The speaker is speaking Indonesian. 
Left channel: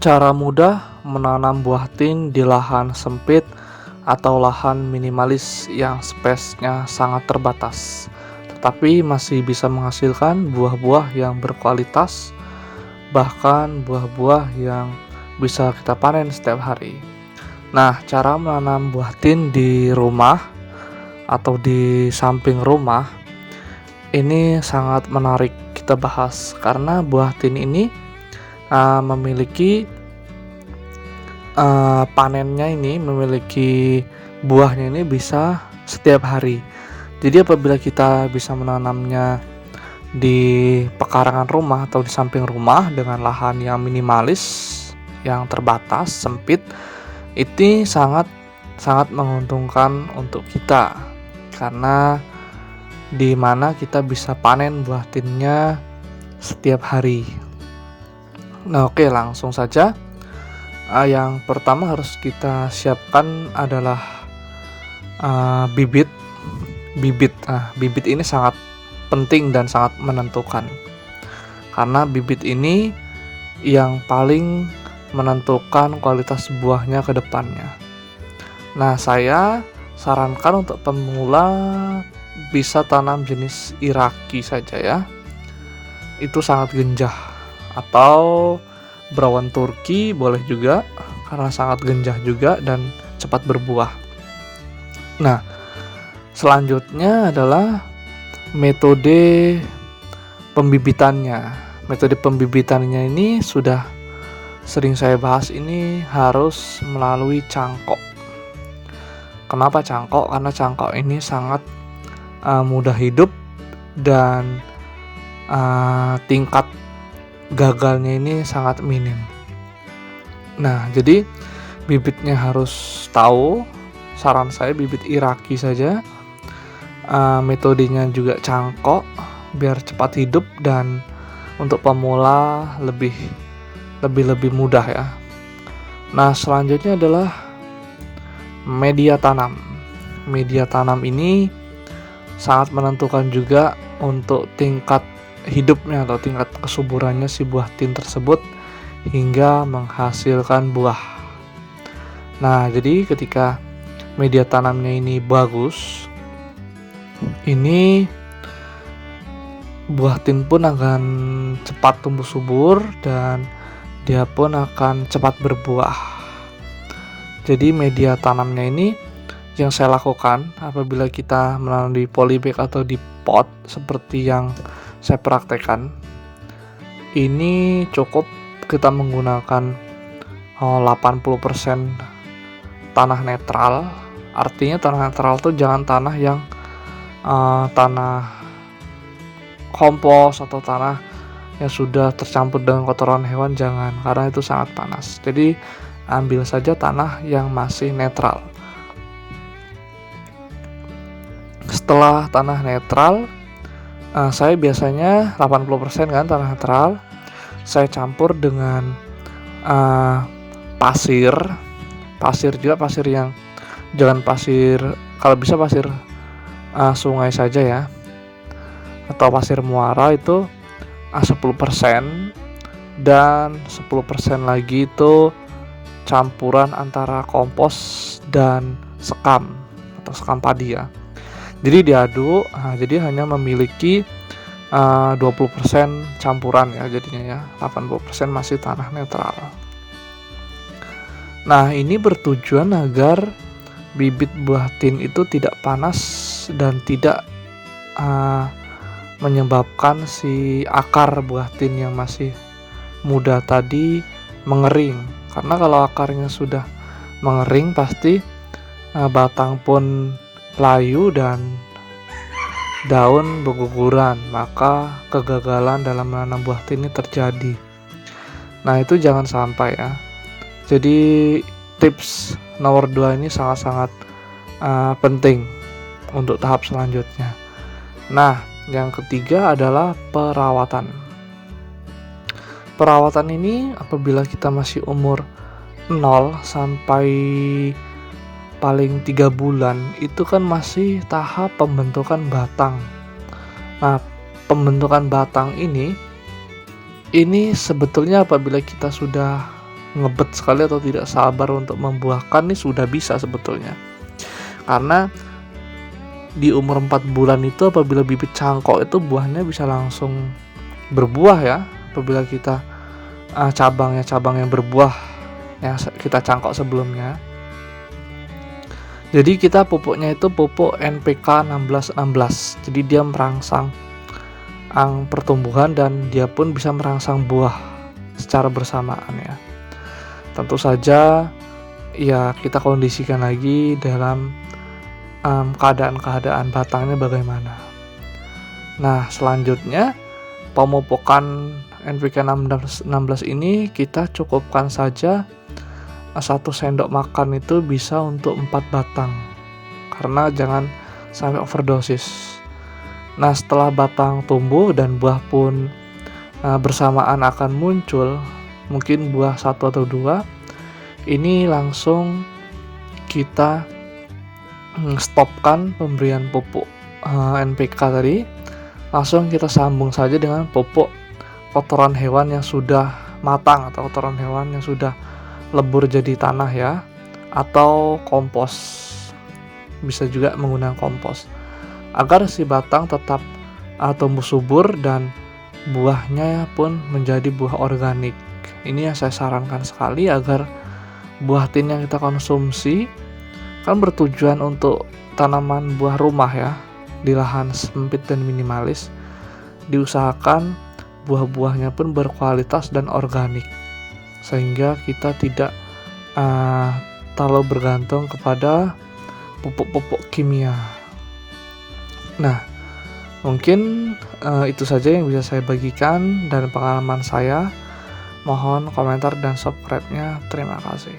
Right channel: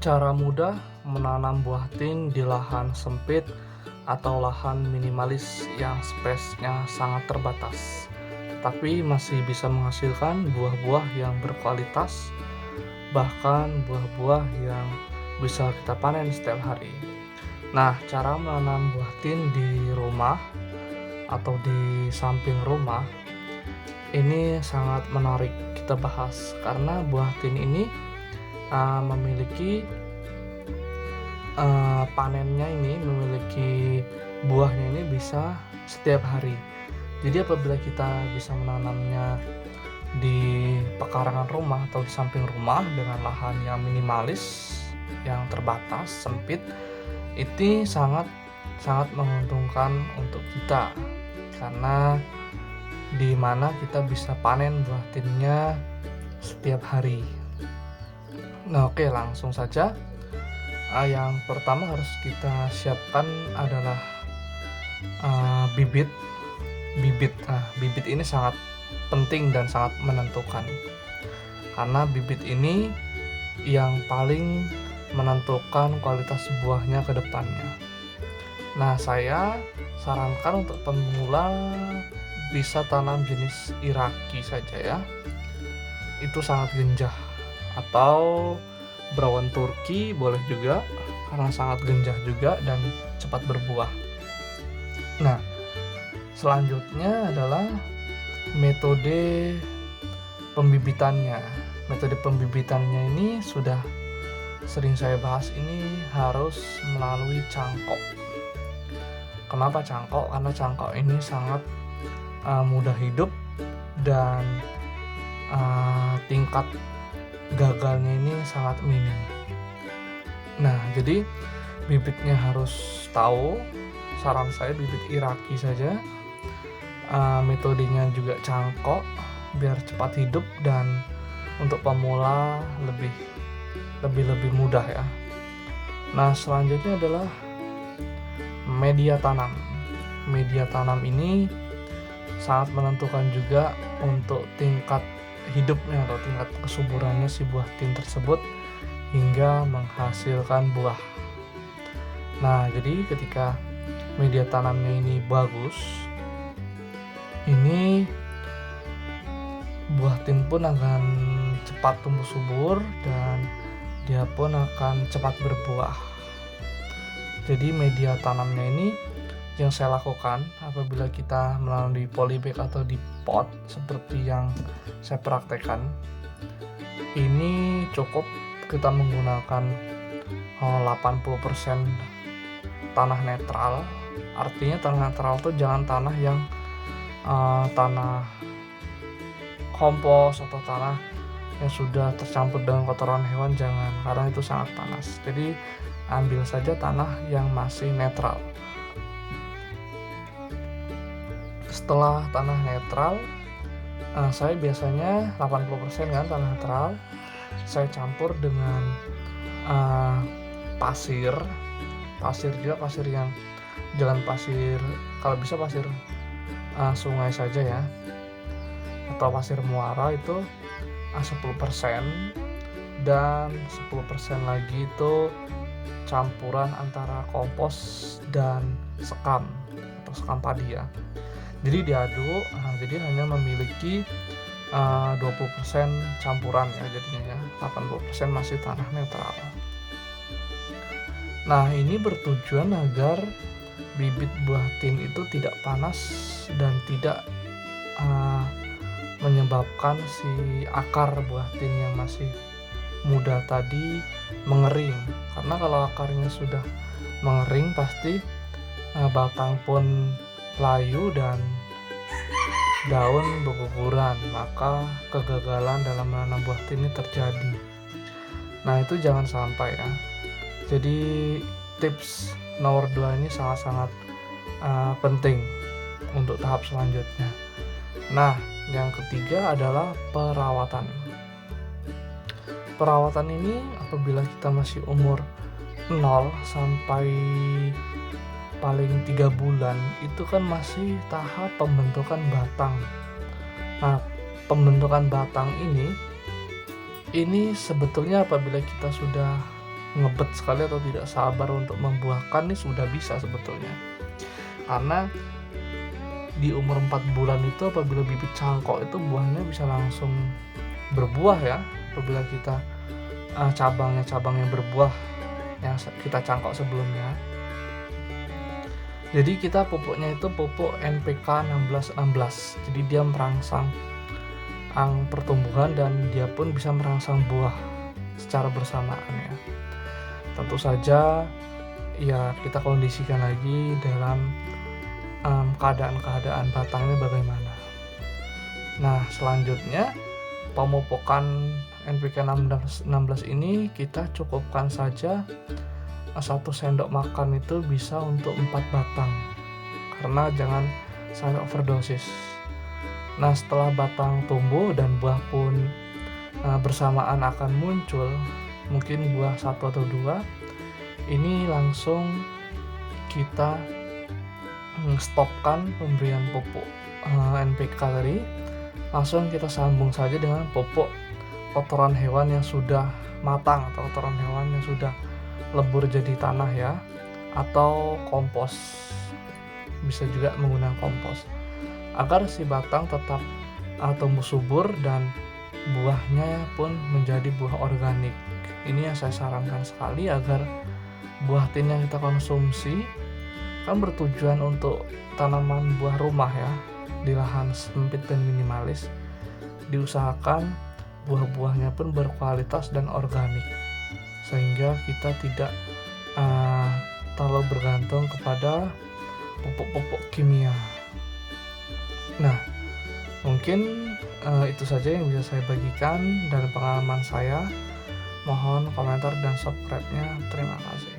Cara mudah menanam buah tin di lahan sempit atau lahan minimalis yang spesiesnya sangat terbatas, tetapi masih bisa menghasilkan buah-buah yang berkualitas, bahkan buah-buah yang bisa kita panen setiap hari. Nah, cara menanam buah tin di rumah atau di samping rumah ini sangat menarik kita bahas karena buah tin ini memiliki panennya ini memiliki buahnya ini bisa setiap hari. Jadi apabila kita bisa menanamnya di pekarangan rumah atau di samping rumah dengan lahan yang minimalis, yang terbatas, sempit, itu sangat menguntungkan untuk kita karena di mana kita bisa panen buah tinnya setiap hari. Nah, oke, langsung saja. Yang pertama harus kita siapkan adalah bibit. Bibit ini sangat penting dan sangat menentukan karena bibit ini yang paling menentukan kualitas buahnya ke depannya. Nah, saya sarankan untuk pemula bisa tanam jenis Iraqi saja ya. Itu sangat genjah, atau Brown Turki boleh juga karena sangat genjah juga dan cepat berbuah. Nah, selanjutnya adalah metode pembibitannya. Metode pembibitannya ini sudah sering saya bahas, ini harus melalui cangkok. Kenapa cangkok? Karena cangkok ini sangat mudah hidup dan tingkat gagalnya ini sangat minim. Nah, jadi bibitnya harus tahu. Saran saya bibit Iraqi saja. Metodenya juga cangkok biar cepat hidup dan untuk pemula lebih mudah ya. Nah, selanjutnya adalah media tanam. Media tanam ini sangat menentukan juga untuk tingkat hidupnya atau tingkat kesuburannya si buah tin tersebut hingga menghasilkan buah. Nah, jadi ketika media tanamnya ini bagus, ini buah tin pun akan cepat tumbuh subur dan dia pun akan cepat berbuah. Jadi media tanamnya ini yang saya lakukan apabila kita menanam di polybag atau di pot seperti yang saya praktekkan, ini cukup kita menggunakan 80% tanah netral. Artinya tanah netral itu jangan tanah yang tanah kompos atau tanah yang sudah tercampur dengan kotoran hewan, jangan, karena itu sangat panas. Jadi ambil saja tanah yang masih netral. Setelah tanah netral, saya biasanya 80% kan tanah netral, saya campur dengan pasir juga, pasir yang jangan pasir, kalau bisa pasir sungai saja ya, atau pasir muara itu 10%, dan 10% lagi itu campuran antara kompos dan sekam atau sekam padi ya. Jadi diaduk, jadi hanya memiliki 20% campuran ya jadinya ya, 80% masih tanah netral. Nah, ini bertujuan agar bibit buah tin itu tidak panas dan tidak menyebabkan si akar buah tin yang masih muda tadi mengering. Karena kalau akarnya sudah mengering pasti batang pun layu dan daun berguguran, maka kegagalan dalam menanam buah tin ini terjadi. Nah, itu jangan sampai ya. Jadi tips nomor 2 ini sangat-sangat penting untuk tahap selanjutnya. Nah, yang ketiga adalah perawatan. Perawatan ini apabila kita masih umur 0 sampai paling 3 bulan, itu kan masih tahap pembentukan batang. Nah, pembentukan batang ini sebetulnya apabila kita sudah ngebet sekali atau tidak sabar untuk membuahkan nih sudah bisa sebetulnya. Karena di umur 4 bulan itu apabila bibit cangkok itu buahnya bisa langsung berbuah ya, apabila kita cabang yang berbuah yang kita cangkok sebelumnya. Jadi kita pupuknya itu pupuk NPK 1616. Jadi dia merangsang pertumbuhan dan dia pun bisa merangsang buah secara bersamaan ya. Tentu saja ya kita kondisikan lagi dalam keadaan batangnya bagaimana. Nah, selanjutnya pemupukan NPK 16 ini kita cukupkan saja 1 sendok makan itu bisa untuk 4 batang, karena jangan sampai overdosis. Nah, setelah batang tumbuh dan buah pun bersamaan akan muncul, mungkin buah 1 atau 2, ini langsung kita stopkan pemberian pupuk NPK tadi, langsung kita sambung saja dengan pupuk kotoran hewan yang sudah matang atau kotoran hewan yang sudah lebur jadi tanah ya, atau kompos. Bisa juga menggunakan kompos agar si batang tetap tumbuh subur dan buahnya pun menjadi buah organik. Ini yang saya sarankan sekali agar buah tin yang kita konsumsi kan bertujuan untuk tanaman buah rumah ya, di lahan sempit dan minimalis. Diusahakan buah-buahnya pun berkualitas dan organik, sehingga kita tidak terlalu bergantung kepada pupuk-pupuk kimia. Nah, mungkin itu saja yang bisa saya bagikan dari pengalaman saya. Mohon komentar dan subscribe-nya. Terima kasih.